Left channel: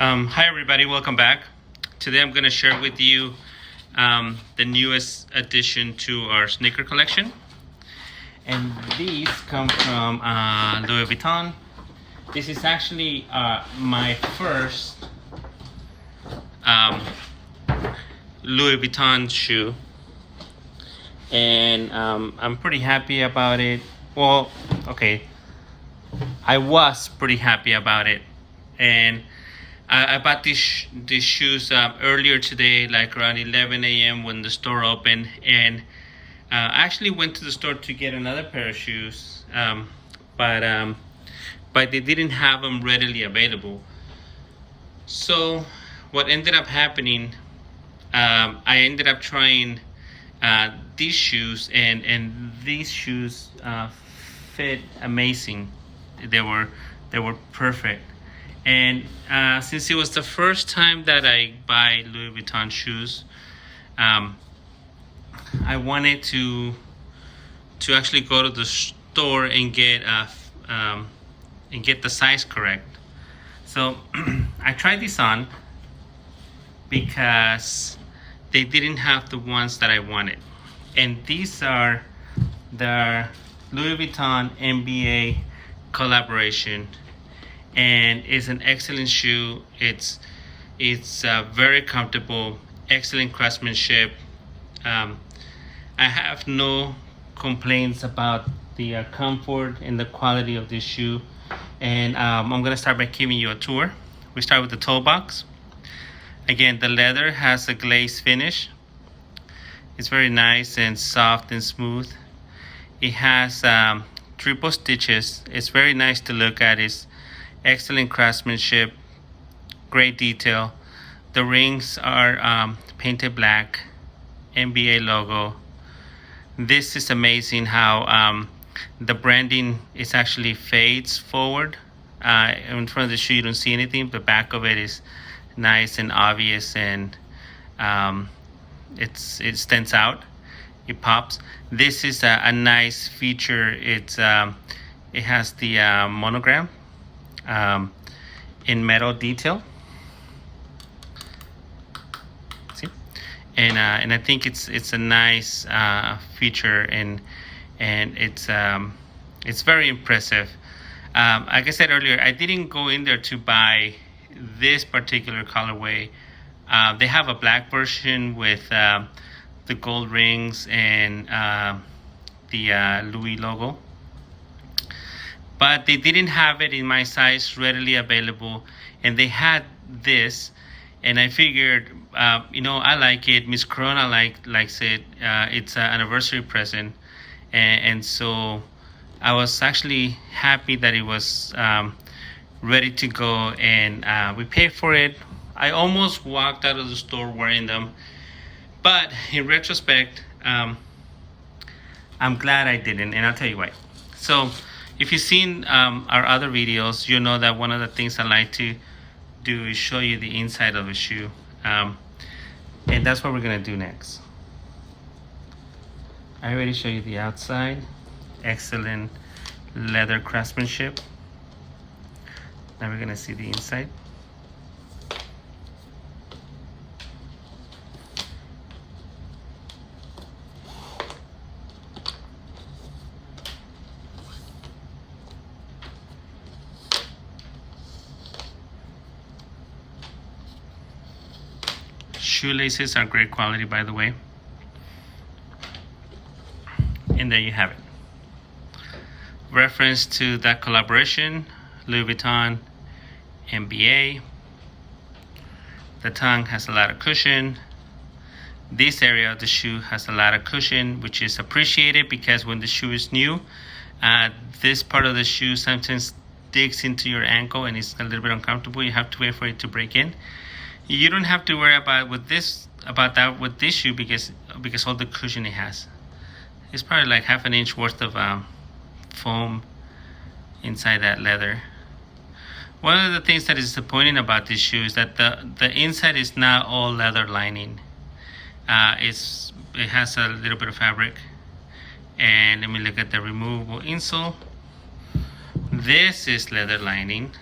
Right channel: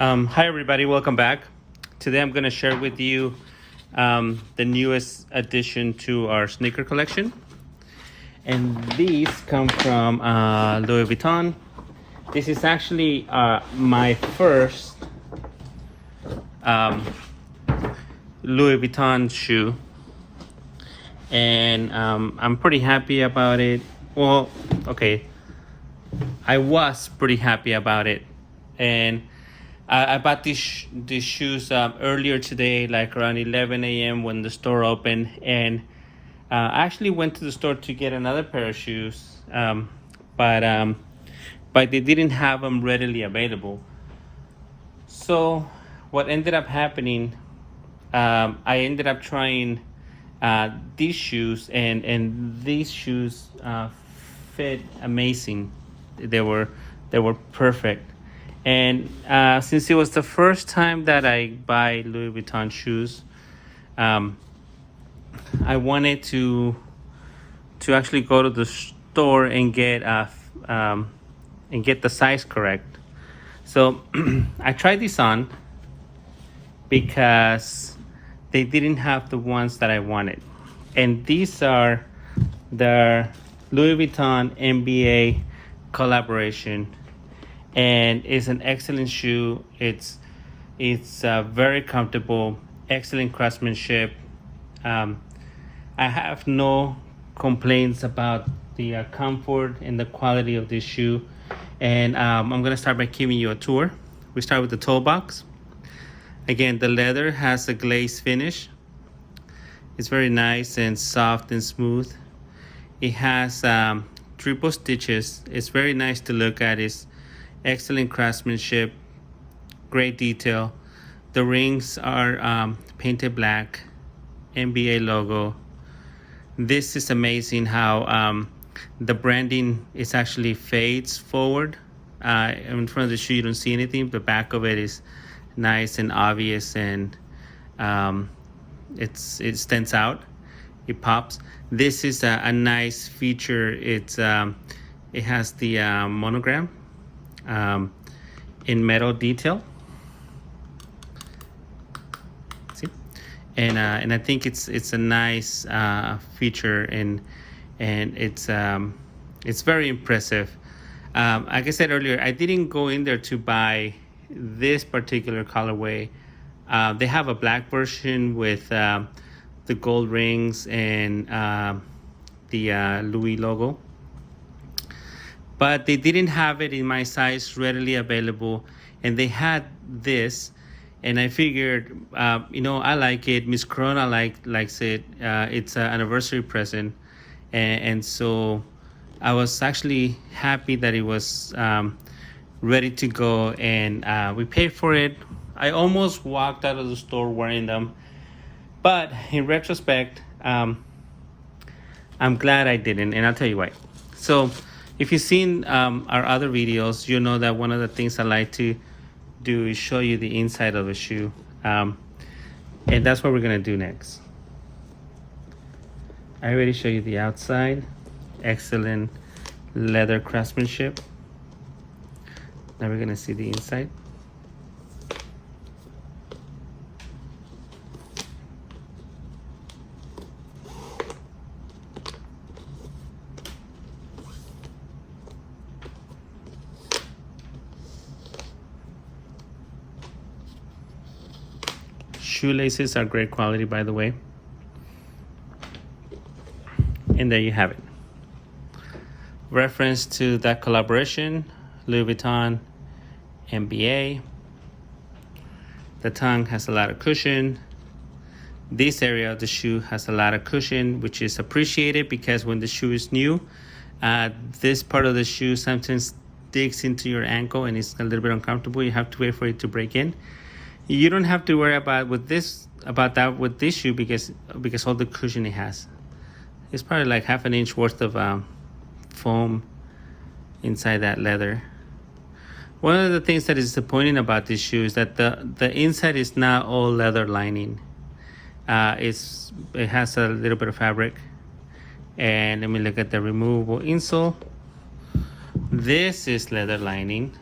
Hi everybody, welcome back. Today I'm going to share with you the newest addition to our sneaker collection. And these come from Louis Vuitton. This is actually my first Louis Vuitton shoe. And I'm pretty happy about it. Well, okay, I was pretty happy about it. And I bought these shoes earlier today, like around 11 a.m. when the store opened, and I actually went to the store to get another pair of shoes, but they didn't have them readily available. So what ended up happening, I ended up trying these shoes, and these shoes fit amazing. They were perfect. And since it was the first time that I buy Louis Vuitton shoes, I wanted to actually go to the store and get the size correct. So I tried these on because they didn't have the ones that I wanted, and these are the Louis Vuitton NBA collaboration. And it's an excellent shoe. It's very comfortable, excellent craftsmanship. I have no complaints about the comfort and the quality of this shoe. And I'm gonna start by giving you a tour. We start with the toe box. Again, the leather has a glazed finish. It's very nice and soft and smooth. It has triple stitches. It's very nice to look at. It's excellent craftsmanship, great detail. The rings are painted black, NBA logo. This is amazing how the branding is actually fades forward. In front of the shoe you don't see anything. The back of it is nice and obvious, and it stands out. It pops. This is a nice feature. It has the monogram in metal detail. See, and I think it's a nice feature, and it's very impressive. Like I said earlier, I didn't go in there to buy this particular colorway. They have a black version with the gold rings and the Louis logo, but they didn't have it in my size readily available, and they had this, and I figured, I like it. Miss Corona likes it. It's an anniversary present, and so I was actually happy that it was ready to go, and we paid for it. I almost walked out of the store wearing them, but in retrospect, I'm glad I didn't, and I'll tell you why. So if you've seen our other videos, you know that one of the things I like to do is show you the inside of a shoe. And that's what we're gonna do next. I already showed you the outside. Excellent leather craftsmanship. Now we're gonna see the inside. Shoelaces are great quality, by the way. And there you have it. Reference to that collaboration, Louis Vuitton NBA. The tongue has a lot of cushion. This area of the shoe has a lot of cushion, which is appreciated because when the shoe is new, this part of the shoe sometimes digs into your ankle and it's a little bit uncomfortable. You have to wait for it to break in. You don't have to worry about that with this shoe because all the cushion it has. It's probably like half an inch worth of foam inside that leather. One of the things that is disappointing about this shoe is that the inside is not all leather lining. It has a little bit of fabric. And let me look at the removable insole. This is leather lining.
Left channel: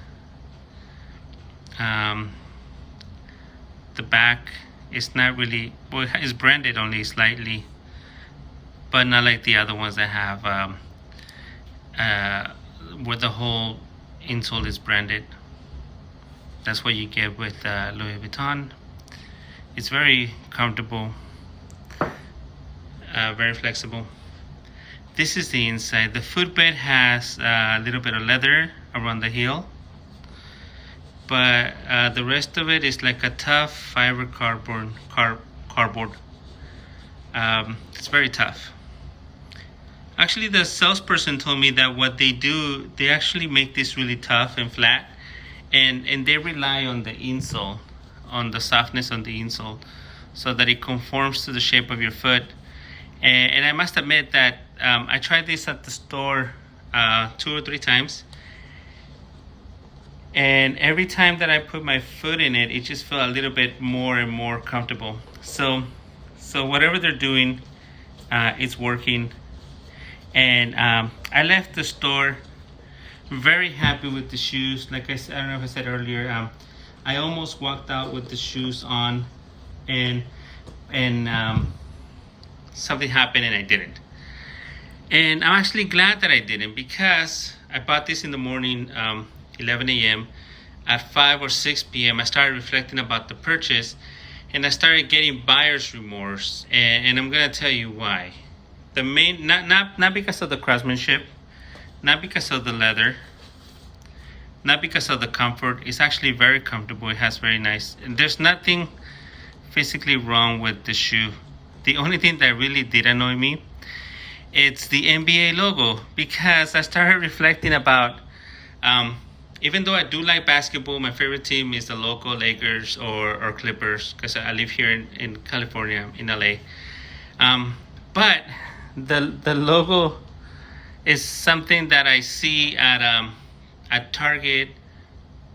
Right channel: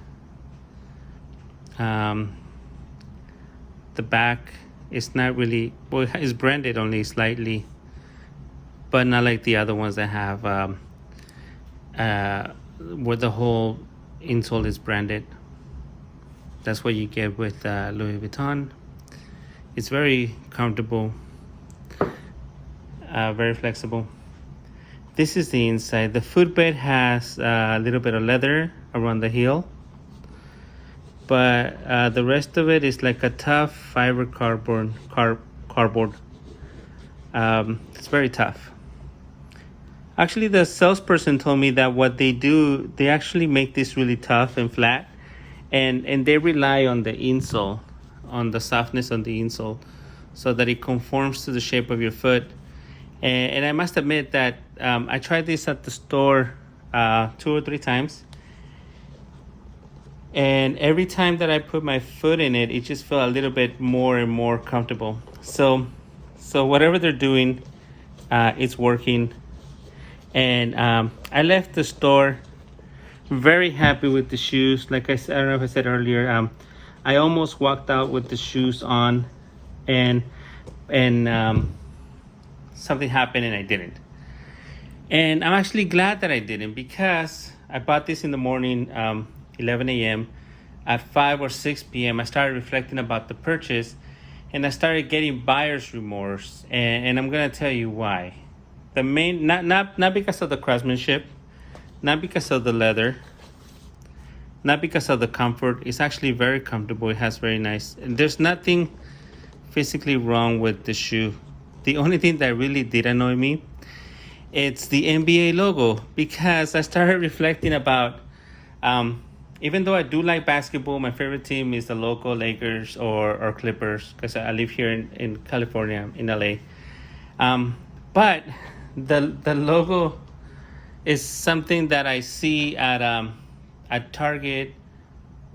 the back is not really, well, it's branded only slightly, but not like the other ones that have where the whole insole is branded. That's what you get with Louis Vuitton. It's very comfortable, very flexible. This is the inside. The footbed has a little bit of leather around the heel, but the rest of it is like a tough fiber cardboard. It's very tough. Actually, the salesperson told me that what they do, they actually make this really tough and flat, and they rely on the insole, on the softness on the insole, so that it conforms to the shape of your foot. And I must admit that I tried this at the store 2 or 3 times, and every time that I put my foot in it, it just felt a little bit more and more comfortable. So whatever they're doing, it's working. And I left the store very happy with the shoes. Like I said, I don't know if I said earlier, I almost walked out with the shoes on, and something happened and I didn't. And I'm actually glad that I didn't, because I bought this in the morning, 11 a.m. At 5 or 6 p.m. I started reflecting about the purchase, and I started getting buyer's remorse, and I'm gonna tell you why. The main, not because of the craftsmanship, not because of the leather, not because of the comfort. It's actually very comfortable. It has very nice, and there's nothing physically wrong with the shoe. The only thing that really did annoy me, it's the NBA logo, because I started reflecting about, even though I do like basketball, my favorite team is the local Lakers or Clippers, because I live here in California, in LA. But the logo is something that I see at Target,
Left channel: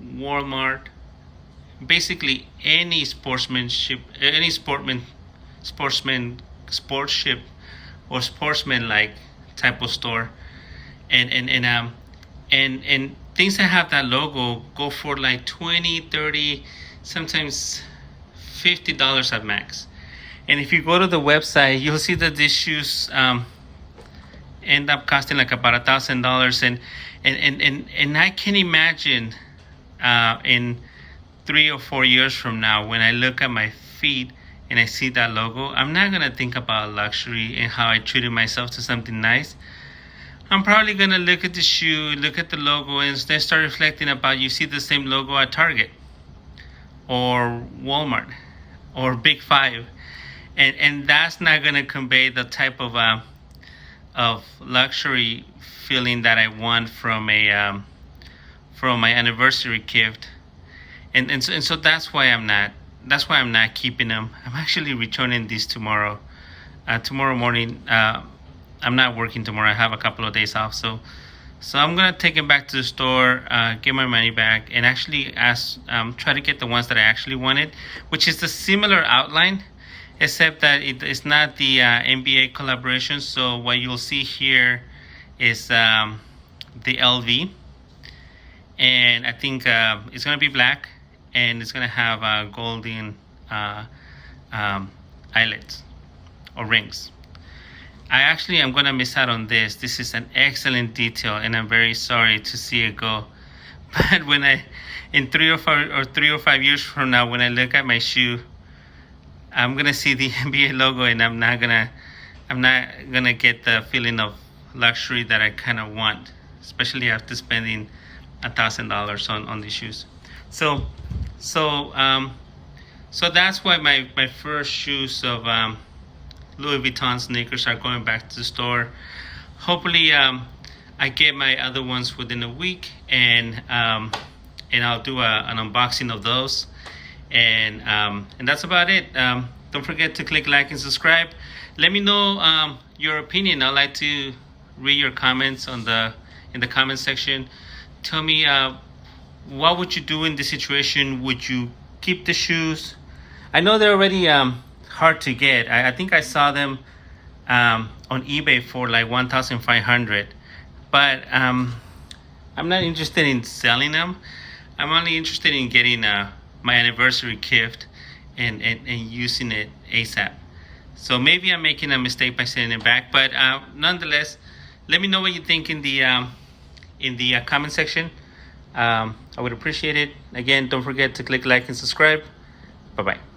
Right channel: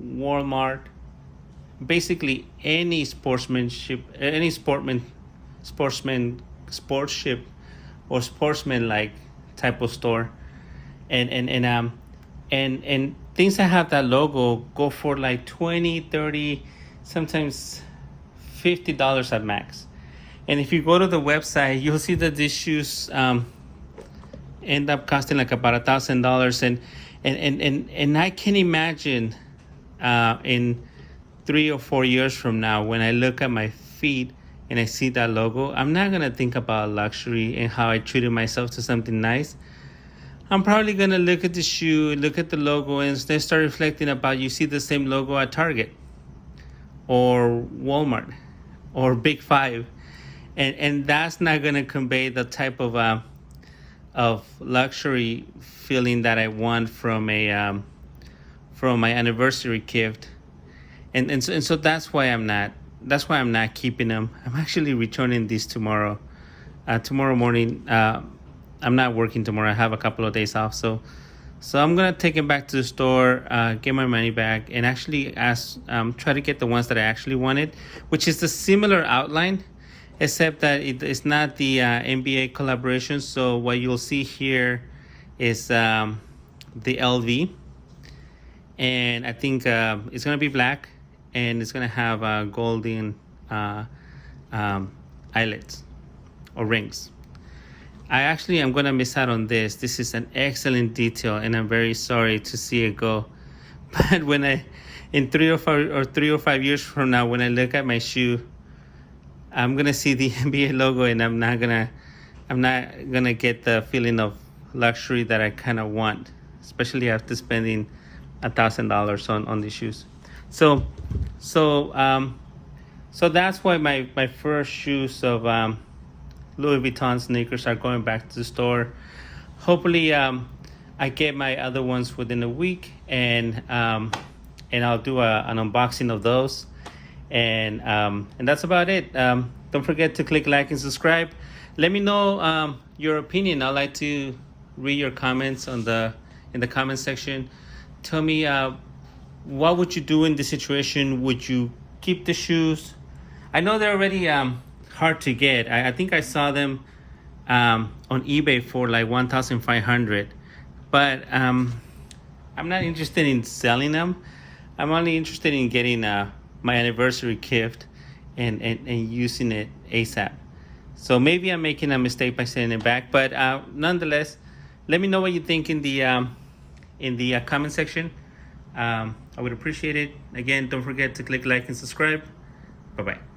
Walmart, basically any sportsmanship, any sportsmanship or sportsman-like type of store, and things that have that logo go for like $20, $30, sometimes $50 at max. And if you go to the website, you'll see that these shoes end up costing like about $1,000. And I can imagine in 3 or 4 years from now, when I look at my feet and I see that logo, I'm not gonna think about luxury and how I treated myself to something nice. I'm probably gonna look at the shoe, look at the logo, and then start reflecting about, you see the same logo at Target or Walmart or Big Five, and that's not gonna convey the type of luxury feeling that I want from my anniversary gift, and so that's why I'm not keeping them. I'm actually returning these tomorrow morning. I'm not working tomorrow. I have a couple of days off, so I'm gonna take it back to the store, get my money back, and actually try to get the ones that I actually wanted, which is the similar outline, except that it's not the NBA collaboration. So what you'll see here is the LV, and I think it's gonna be black, and it's gonna have golden eyelets or rings. I actually am gonna miss out on this. This is an excellent detail, and I'm very sorry to see it go. But when in 3 or 5 years from now, when I look at my shoe, I'm gonna see the NBA logo, and I'm not gonna get the feeling of luxury that I kind of want, especially after spending $1,000 on these shoes. So that's why my first shoes of Louis Vuitton sneakers are going back to the store. Hopefully I get my other ones within a week, and I'll do an unboxing of those, and that's about it. Don't forget to click like and subscribe. Let me know your opinion. I'd like to read your comments in the comment section. Tell me what would you do in this situation? Would you keep the shoes? I know they're already hard to get. I think I saw them on eBay for like $1,500, but I'm not interested in selling them. I'm only interested in getting my anniversary gift, and using it ASAP. So maybe I'm making a mistake by sending it back, but nonetheless, let me know what you think in the comment section. I would appreciate it. Again, don't forget to click like and subscribe. Bye bye.